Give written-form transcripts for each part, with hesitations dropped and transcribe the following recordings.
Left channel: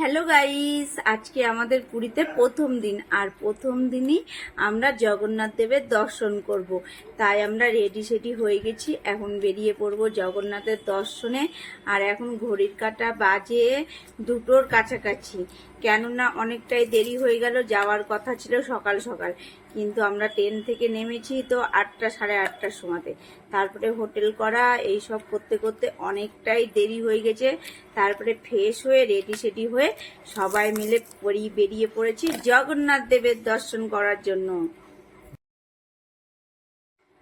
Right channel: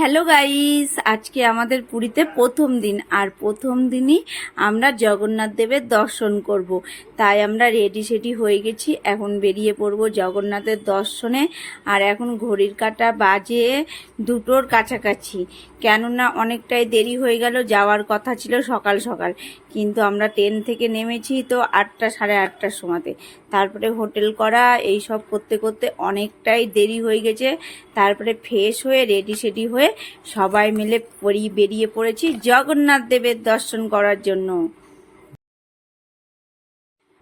Hello guys, আজকে আমাদের পুরীতে প্রথম দিন। আর প্রথম দিনই আমরা জগন্নাথ দেবের দর্শন করব। তাই আমরা রেডি সেডি হয়ে গেছি, এখন বেরিয়ে পড়ব জগন্নাথের দর্শনে। আর এখন ঘড়ির কাঁটা বাজে 2টোর কাছাকাছি, কেননা অনেকটাই দেরি হয়ে গেল। যাওয়ার কথা ছিল সকাল সকাল, কিন্তু আমরা ট্রেন থেকে নেমেছি তো 8টা সাড়ে 8টার সময়তে। তারপরে হোটেল করা এই সব করতে করতে অনেকটাই দেরি হয়ে গেছে। তারপরে ফ্রেশ হয়ে রেডি সেডি হয়ে সবাই মিলে বেরিয়ে পড়েছি জগন্নাথ দেবের দর্শন করার জন্য।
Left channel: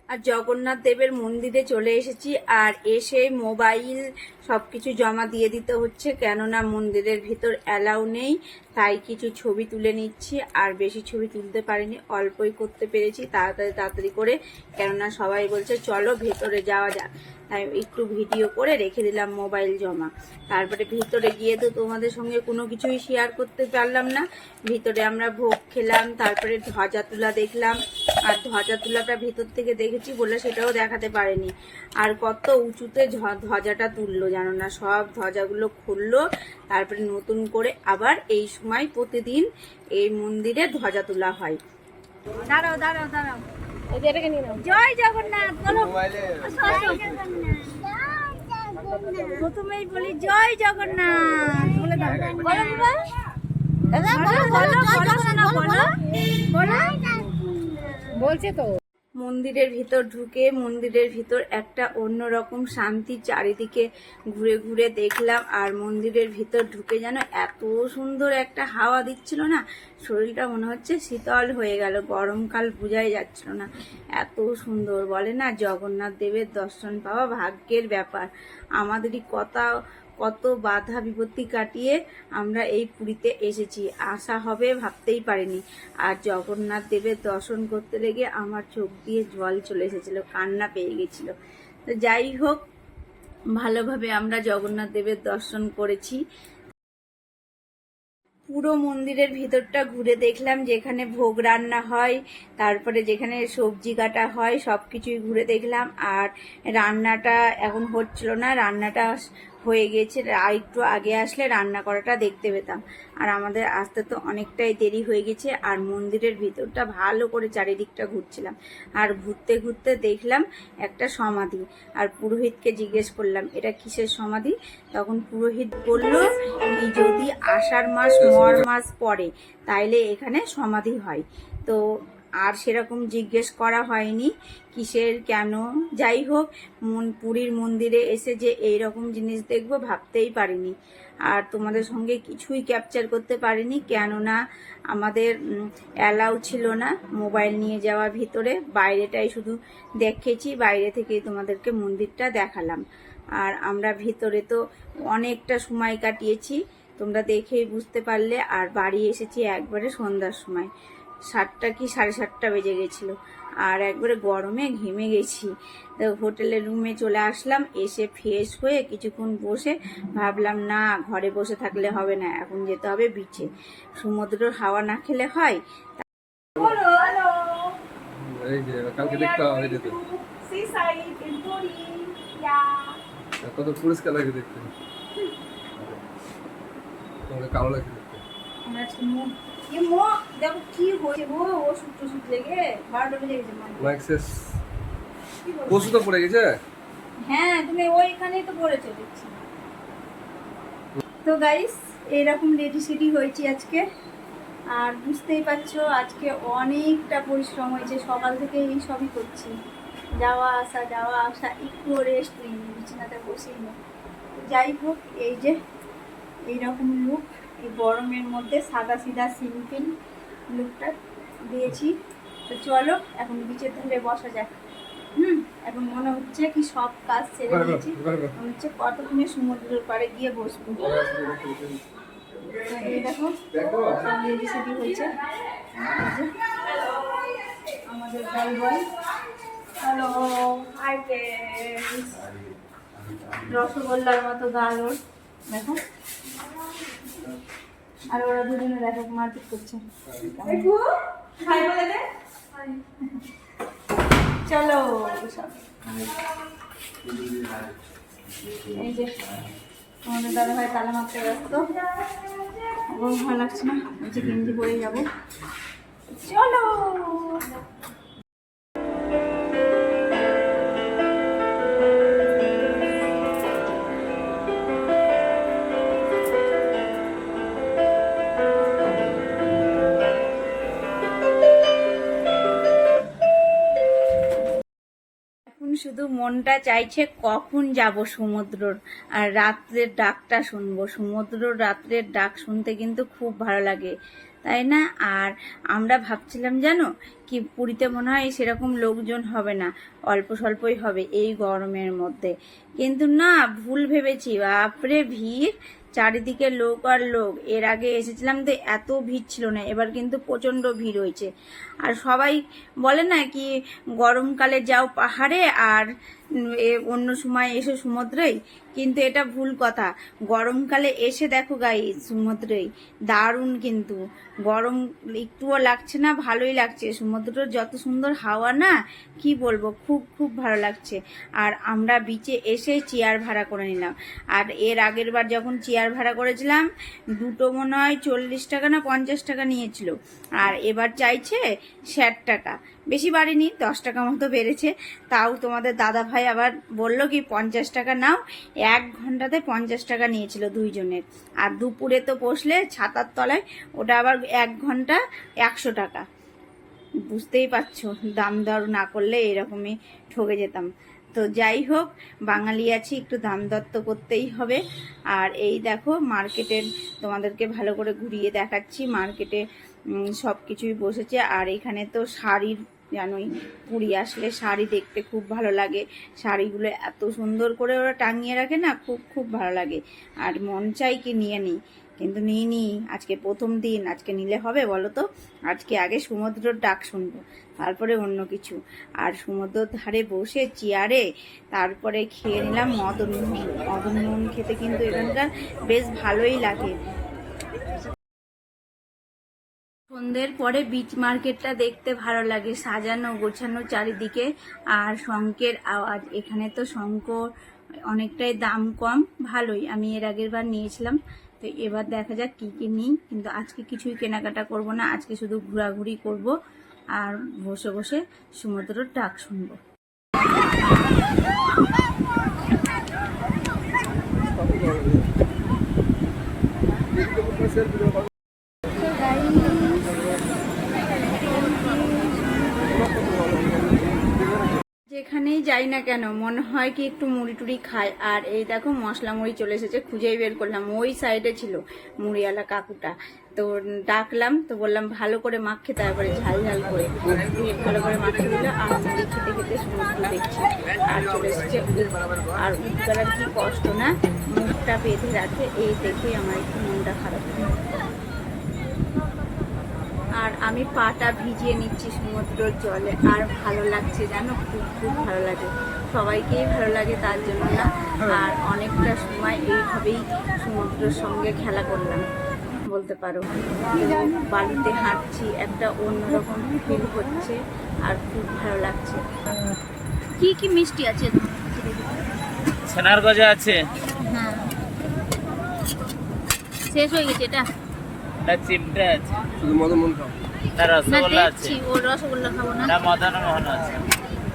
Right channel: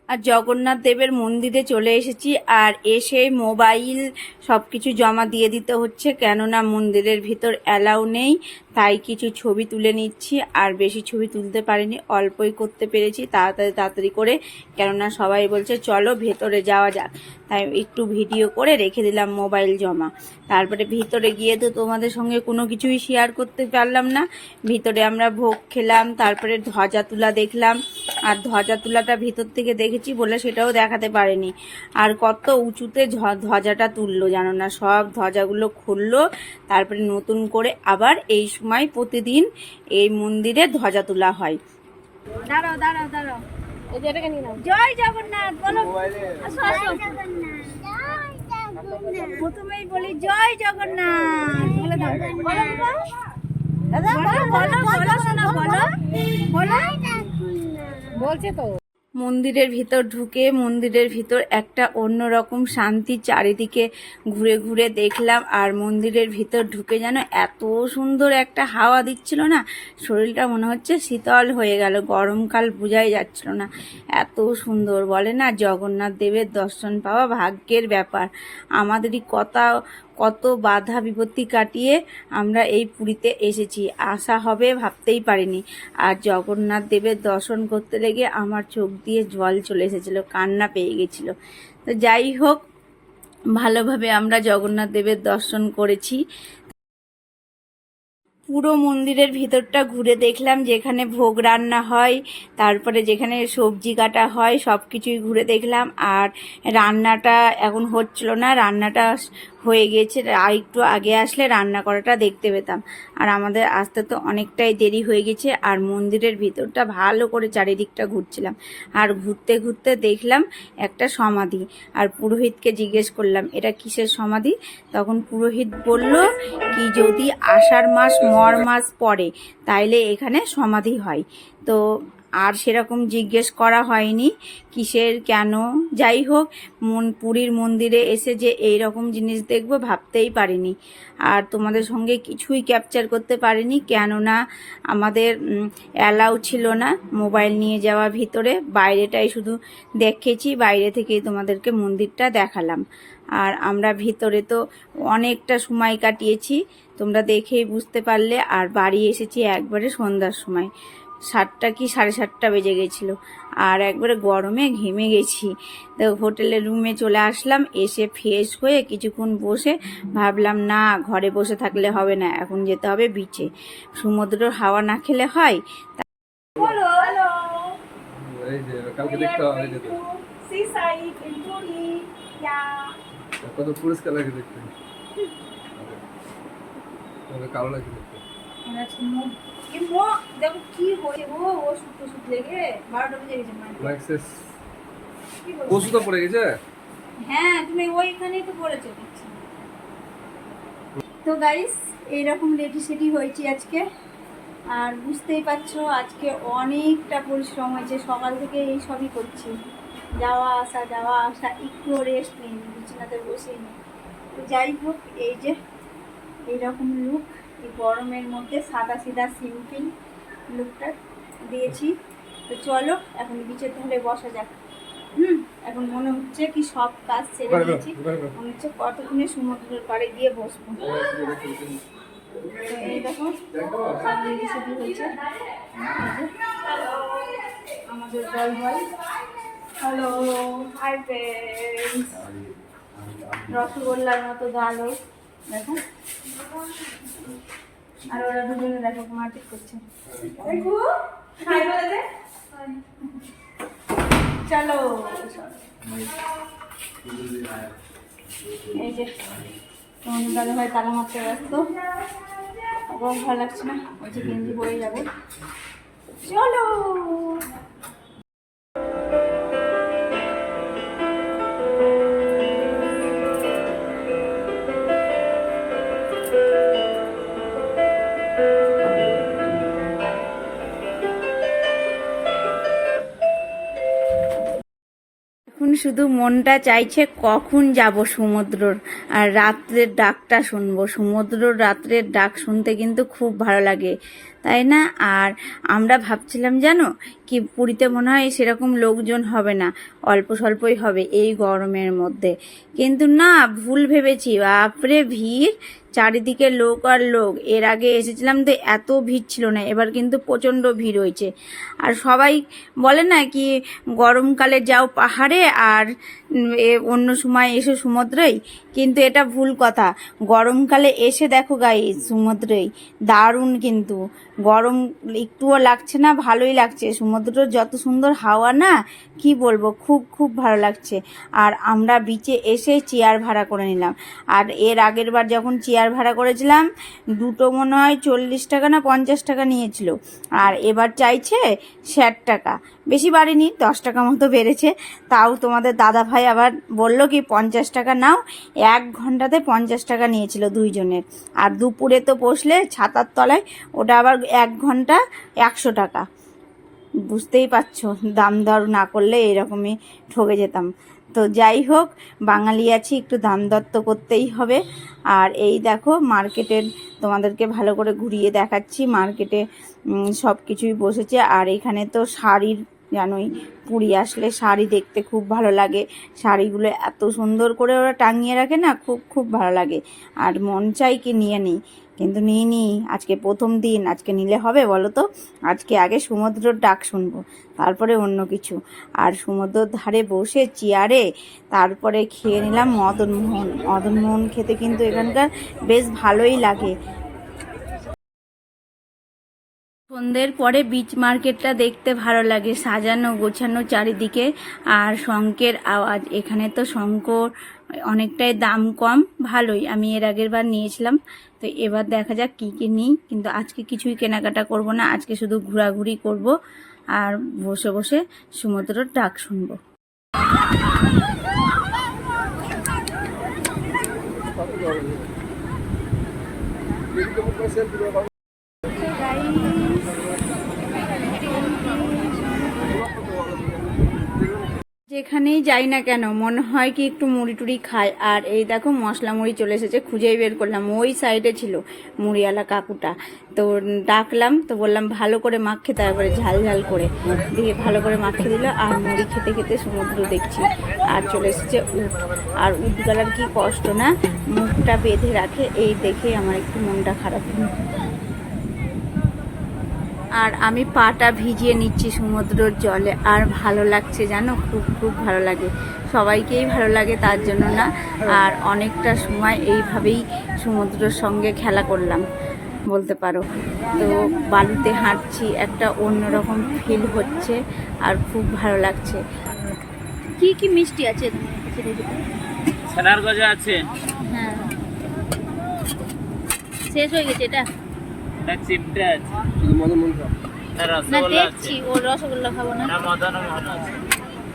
আর জগন্নাথ দেবের মন্দিরে চলে এসেছি। আর এসে মোবাইল সব কিছু জমা দিয়ে দিতে হচ্ছে, কেননা মন্দিরের ভিতর অ্যালাউ নেই। তাই কিছু ছবি তুলে নিচ্ছি, আর বেশি ছবি তুলতে পারিনি, অল্পই করতে পেরেছি তাড়াতাড়ি তাড়াতাড়ি করে, কেননা সবাই বলছে চলো ভেতরে যাওয়া যাক। তাই একটু ভিডিও করে রেখে দিলাম মোবাইল জমা। তারপরে ভিতরে গিয়ে তো তোমাদের সঙ্গে কোনো কিছুই শেয়ার করতে পারলাম না। ভিতরে আমরা ভোগ খেলাম, তারপরে ধ্বজা তুলা দেখলাম। আর ধ্বজা তুলাটা ভিতর থেকে দেখেছি বলে সেটাও দেখাতে পারিনি। আর কত উঁচুতে ধ্বজাটা তুললো জানো না, সব ধ্বজাগুলো খুললো। তারপরে নতুন করে আবার এই সময় প্রতিদিন এই মন্দিরে ধ্বজা তোলা হয়। দাঁড়াও দাঁড়াও দাঁড়াও, জয় জগন্নাথ বলো। প্রথমেই বলি জয় জগন্নাথ বলে দাও। বলো বলো বলো শোনা, বলো বলো। বলছে তো। মন্দিরের ভিতর ঢুকে মন্দিরের ভিতর একটা অন্যরকম শান্তি, চারিদিকে ঘুরে ঘুরে দেখলাম। আর মন্দিরের ভিতর ঢুকে যেন এত সুন্দর একটা হাওয়া দিচ্ছিল না, শরীরটা মনে হচ্ছে শীতল হয়ে গেল, গরমকাল বোঝাই যাচ্ছিল না, এত সুন্দর। বলে না জগন্নাথ দেবের দর্শন পাওয়া ভাগ্যের ব্যাপার। আমাদেরই কত বাধা বিপত্তি কাটিয়ে আমরা এই পুরীতে এসেছি, আসা হবে ভাবতেই পারিনি। আর জগন্নাথ দেবের দর্শন করতে লেগে আমার চোখ দিয়ে জল চলে এসেছিলো, কান্না পেয়ে গেছিলো। তো যাই হোক, ভালোভাবে আমরা জগন্নাথ দেবের দর্শন করেছি। পুরো মন্দিরের ভিতরটা ঘুরে দেখলাম, যেখানে ভোগ রান্না হয়, তারপরে যেখানে সবজি কাটা হয়, সব কিছুই ঘুরে দেখলাম। আর রান্নাটা এখন হচ্ছিল না, রান্নাটা হয়ে গেছে। আর একটু আগে আসলে রান্না করাটা দেখতে পেতাম। আর আমাদের আসতে তো অনেকটাই দেরি হয়ে গেছে। আর মন্দিরের ভিতরটা ভালো করে চারিদিকটা ঘুরছিলাম। আর ঘুরতে ঘুরতে দেখলাম একটা সমাধি। আর পুরোহিতকে জিজ্ঞেস করলাম এটা কিসের সমাধি। তখন পুরোহিত বলল কি যদি আষাঢ় মাস মর মাস পড়ে তাইলে এখানে সমাধি হয়। তো আর সেরকম জিজ্ঞেস করা হয়নি কিসের কেন। যাই হোক, পুরীর মন্দিরে এসে যে এই রকম জিনিস দেখবো ভাবতেই পারিনি। আর তোমাদের সঙ্গে কিছুই ক্যাপচার করতে পারিনি, কেননা আমাদের অ্যালাউ ছিল না মোবাইল নিয়ে যাওয়া ভিতরে। বাইরেটাই শুধু দেখেছি, বাইরে থেকেই তোমাদেরকে মন্দিরটা দেখালাম। আর আমরা ভিতরে তো অনেকটা সময় কাটিয়েছি, তোমরা দেখেই বুঝতে পারলে। আর বাড়ি এসেছি একবারে সন্ধ্যার সময়, 7টা কি 7:30 বেজে গেছিলো। আর একবারে গরমে ঘেমে গেছি। তো হোটেলের রুমে চলে আসলাম, এসে ফ্রেশ হয়ে কিছুক্ষণ বসে ভাবলাম না ঘরে বসে থাকলে হবে না, এখন যেতে হবে বিচে। সমুদ্রের হাওয়া না খেলে হয়। কত পুরস্কার লাগে দেখতে, কালো লাগে দেখতে। দেখো কি হয়েছে গো, ওষুধ টষুধ লেগে 12টা বেজে গেছে। ওষুধ তো পড়ে গেছে। হ্যাঁ, তুমি ওইখানেই তো পড়েছো দেখছি। তো গাইস, এইরকম রেডি সেডি হয়েছি আজকে। আর বুঝতেই পারছো আজকে অনেকটা পরিশ্রম হয়েছে, সকাল থেকে এই সবই করছি, যাওয়া আসা, একটু রেস্ট নিইনি, বিছানাতে বসেই নেই। তো যাই হোক, এই যে এইরকম লুক, এই গরমের মধ্যে সাদা সিধা সিম্পল লুকটা দিয়েছি। তো চলো এখন বিচের ধারে বসা যাক। এখন মনে হচ্ছে কি সব কাজ ছেড়ে দিয়েছি, মনে হচ্ছে কতক্ষণে সমুদ্রের পাড়ে গিয়ে বসবো। এই দেখো সব রেডি সেডি হয়েছে। আমাদের দল হ্যালো হাই ফ্রেন্ডস, রসগোল্লার মতো গালোর দেখো। আর ওরা দুজনে দেখো মারপিট করছে। চলো সব এই যে তোমাদের দাদা ভাই তালা মারতে ব্যস্ত। আমার ভালো লাগছে না, বলছি গেঞ্জি পরে যাবো। চলো। এখন শুধু মনটা চাইছে কখন যাব সমুদ্রর আর রাত্রের ডাকটা শুনবো। সমুদ্রর রাত্রের ডাক শুনতে কিন্তু খুব ভালো লাগে, তাই না? আর আমরা ভাবছিলাম জানো কি, পুরীতে মনে হয় সেরকম লোকজন হবে না, অল্প স্বল্পই হবে এই গরমের মধ্যে। কিন্তু না, ভুল ভেবেছি। বাপরে ভিড়, চারিদিকে লোক আর লোক। এর আগে এসেছিলাম তো এত ভিড় ছিল না, এবার কিন্তু প্রচণ্ড ভিড় হয়েছে। আর সবাই বলে না কি গরমকালে যাও পাহাড়ে আর অন্য সময় এসো সমুদ্রেই, কিন্তু এটা ভুল কথা। গরমকালে এসে দেখো গাইস সমুদ্রেই দারুণ, কিন্তু গরম একটুও লাগছে না, ভালোই লাগছে। সমুদ্রের যত সুন্দর হাওয়া না, কি বলবো, খুব খুব ভালো লাগছে। আর আমরা বিচে এসে চেয়ার ভাড়া করে নিলাম। আর এর আগের বার যখন চেয়ার ভাড়া করেছিলাম, দুটো মনে হয় 40 টাকা না 50 টাকা নিয়েছিল, আর এবার চাইছে 60 টাকা। বেশি বাড়েনি, 10 টাকা মতো বেড়েছে। তাও তোমাদের দাদা ভাই আবার বলল কি 50 টাকা নাও। 1 ঘন্টাতে 50 টাকা নিয়েছিল দুইজনের। আর দুপুরে তো বসলে ছাতার তলায়, ওটা আবার 1 ঘন্টা 100 টাকা। বুঝতেই পারছো, দাম দর না করলে এরকমই ঠকে যেতাম। তো যাই হোক, বাঙালি আছি, একটু দাম দর তো করতেই হবে। আর এই দেখো মার্কেটের, তোমাদেরকে ভালো করে ঘুরিয়ে দেখাচ্ছি। মার্কেটে সব কিছুই বসেছে। আর এখানে তো শাড়ির, জানোই পুরী আসলে শাড়ি দেখতে খুব ভালো লাগে। শাড়িগুলো এত সুন্দর করে ওরা টাঙিয়ে রাখে না, খুব খুব ভালো লাগে। আর মন চাই কি নিয়ে নিই, কিন্তু নিইনি। আজকে প্রথম দিন, আজকে নিলে হবে বলো তো? আজকে আগে সমুদ্রের ডাক শুনবো, তারপরে অন্য কিছু। আর সমুদ্রের ধারে বসে চেয়ারে তারপরে খেয়ে নিলাম মদনমোহন। মদনমোহন খেতে কিন্তু এখানকার বেশ ভালোই লাগে। সন্ধ্যের পরে বিচ মার্কেটটা দেখতে ভালো লাগে, সাজানো গোছানো চারিদিকে। আর শঙ্খের আওয়াজ, এখানে তো শঙ্খ অনেকটাই দাম কম, ভালোই। আমি এর আগের বার নিয়েছিলাম, তো এবার দেখা যাক কী কী নিই। কিন্তু আজকে কিছুই কেনাকাটা করব না, আজকে শুধু ঘোরাঘুরি করব আর বসে বসে সমুদ্রের ডাক শুনবো। যেখানেই যাই না কেন মনে হয় কি একটু মুড়ি টুড়ি খাই। আর এই দেখো মশলা মুড়ি চলে এসেছে, খুঁজেই বের করলাম, ওই সাইডে ছিল মুড়িওয়ালা কাকুটা। তো ডাকলাম, তো বললাম ভালো করে মাখে, তারপরে ঝাল ঝাল করে দিয়ে ভালো করে মাখিয়ে দিল। আর মুড়ি খেতে খেতে সমুদ্র দেখছি। আর চলে এসেছে উট। আর উটগুলার কি কষ্ট না, মুখটা বেঁধে রাখে, এই দেখে আমার একটু মনটা খারাপ। আর আমি পাটা ভিজিয়ে নিচ্ছি সমুদ্রের জলে, আর ভালো লাগছে জানো, খুব খুব ভালো লাগে। সবাইকেই ভালো লাগে তার জন্য না। আর অনেকটা সময় এইভাবেই সমুদ্রের সঙ্গে খেলা করলাম বলতে পারো। তো বালিতে হাঁটছি, একটা অন্যরকম ফিল হচ্ছে আর খুব ভালো লাগছে। কি কি মিষ্টি আছে তোমার কাছে দেখি? ছানার গজা আছে। হ্যাঁ, শেষ হয়ে গেছে এটা। না চিমটা আছে। শুধু মদনমোহন খাও। না না রসগোল্লা আছে। দেখছি, ও রসগোল্লা খাবো না। না মদনমোহন আছে।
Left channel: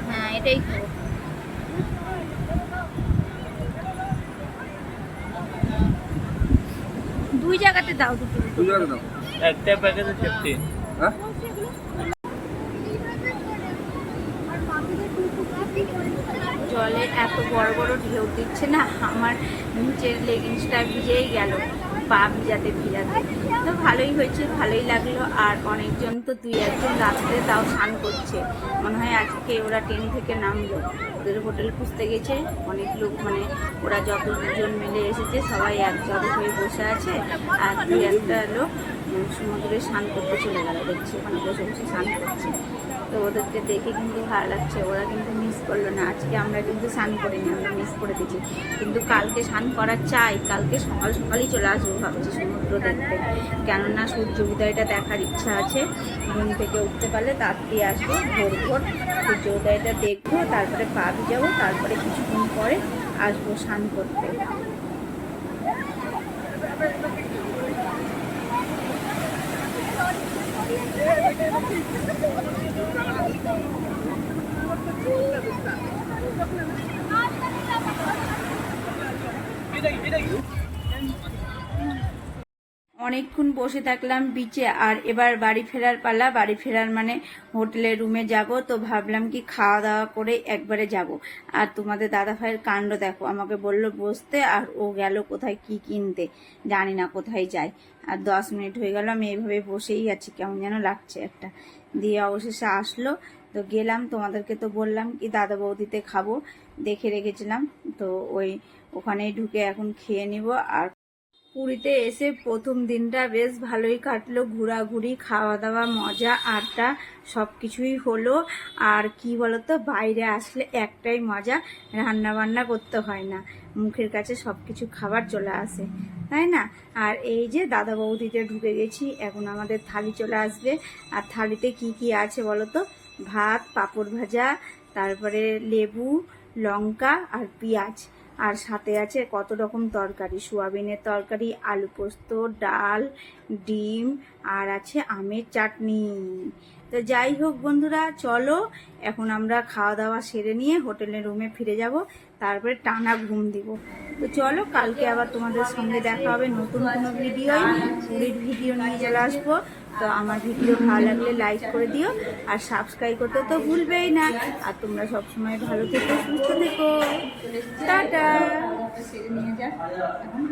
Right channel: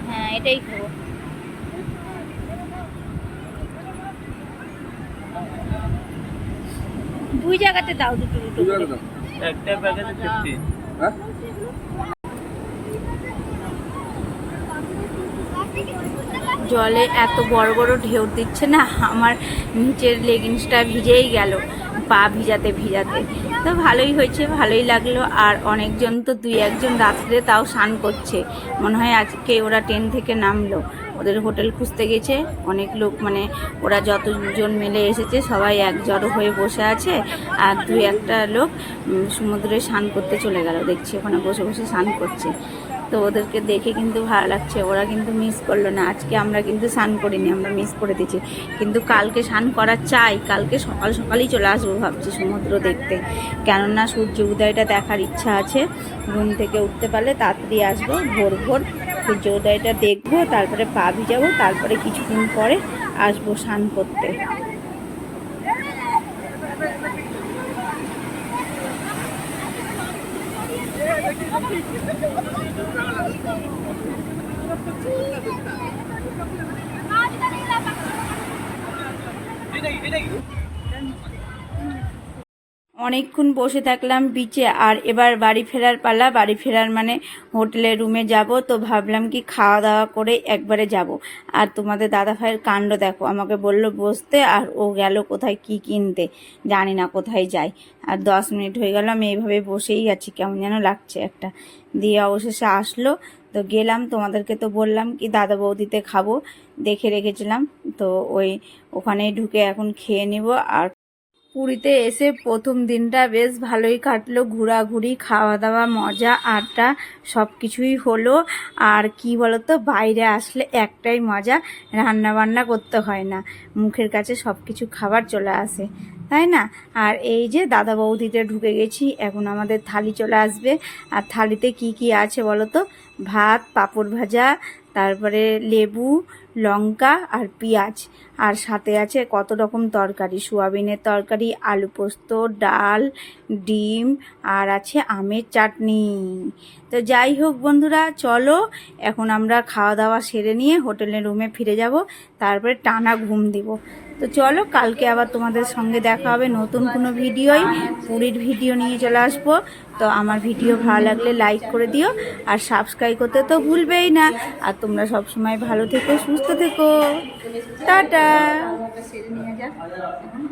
হ্যাঁ, এটাই খাবো। দুই জায়গাতে দাও, দুটো দুটো তুমি করে। দাও। একটা প্যাকেট 50। হ্যাঁ? জলে এত বড় বড় ঢেউ দিচ্ছে না, আমার নিচের লেগিংসটা ভিজেই গেল পা ভিজাতে ভিজাতে। তো ভালোই হয়েছে, ভালোই লাগলো। আর অনেকজন তো 2-1জন রাত্রে তাও স্নান করছে। মনে হয় আজকে ওরা ট্রেন থেকে নামলো, ওদের হোটেল খুঁজতে গেছে। অনেক লোক, মানে ওরা যতজন মিলে এসেছে সবাই এক জড়ো হয়ে বসে আছে। আর 2-1টা লোক সমুদ্রে স্নান করতে চলে গেল, দেখছি ওখানে বসে বসে স্নান করছে। তো ওদেরকে দেখে কিন্তু ভালো লাগছে, ওরা কিন্তু মিস করলো না। আজকে আমরা কিন্তু স্নান করিনি, আমরা মিস করে দিয়েছি। কিন্তু কালকে স্নান করা চাই, কালকে সকাল সকালই চলে আসবো ভাবছি সমুদ্র দেখতে। কেননা সূর্য উদয়টা দেখার ইচ্ছা আছে। ঘুম থেকে উঠতে পারলে তাড়াতাড়ি আসবো, ভোর ভোর সূর্য উদয়টা দেখবো, তারপরে পা ভিজাবো, তারপরে কিছুক্ষণ পরে আসবো স্নান করতে। অনেকক্ষণ বসে থাকলাম বিচে, আর এবার বাড়ি ফেরার পালা। বাড়ি ফেরার মানে হোটেলের রুমে যাব, তো ভাবলাম কি খাওয়া দাওয়া করে একবারে যাব। আর তোমাদের দাদা ভাইয়ের কাণ্ড দেখো, আমাকে বলল বসতে, আর ও গেল কোথায় কি কিনতে, জানি না কোথায় যায়। আর 10 মিনিট হয়ে গেল আমি এইভাবে বসেই আছি, কেমন যেন লাগছে একটা। দিয়ে অবশেষে আসলো, তো গেলাম। তোমাদেরকে তো বললাম কি দাদা বৌদিতে খাবো, দেখে রেখেছিলাম, তো ওখানেই ঢুকে এখন খেয়ে নিব। আর পুরীতে এসে প্রথম দিনটা বেশ ভালোই কাটলো, ঘোরাঘুরি, খাওয়া দাওয়া, মজা আড্ডা সব কিছুই হলো। আর কি বলতো, বাইরে আসলে একটাই মজা, রান্না বান্না করতে হয় না, মুখের কাছে সব কিছু খাবার চলে আসে, তাই না? আর এই যে দাদা বৌদিতে ঢুকে গেছি, এখন আমাদের থালি চলে আসবে। আর থালিতে কি কি আছে বলো তো? ভাত, পাঁপড় ভাজা, তারপরে লেবু, লঙ্কা আর পেঁয়াজ, আর সাথে আছে কত রকম তরকারি, সোয়াবিনের তরকারি, আলু পোস্ত, ডাল, ডিম, আর আছে আমের চাটনি। তো যাই হোক বন্ধুরা, চলো এখন আমরা খাওয়া দাওয়া সেরে নিয়ে হোটেলের রুমে ফিরে যাব, তারপরে টানা ঘুম দিব। তো চলো, কালকে আবার তোমাদের সঙ্গে দেখা হবে নতুন কোনো ভিডিওই, পুরীর ভিডিও নিয়ে চলে আসবো। তো আমার ভিডিও ভালো লাগলে লাইক করে দিও, আর সাবস্ক্রাইব করতে তো ভুলবেই না। আর তোমরা সবসময় ভালো থেকো, সুস্থ থেকো, টাটা। সেরে নিয়ে যা এখন।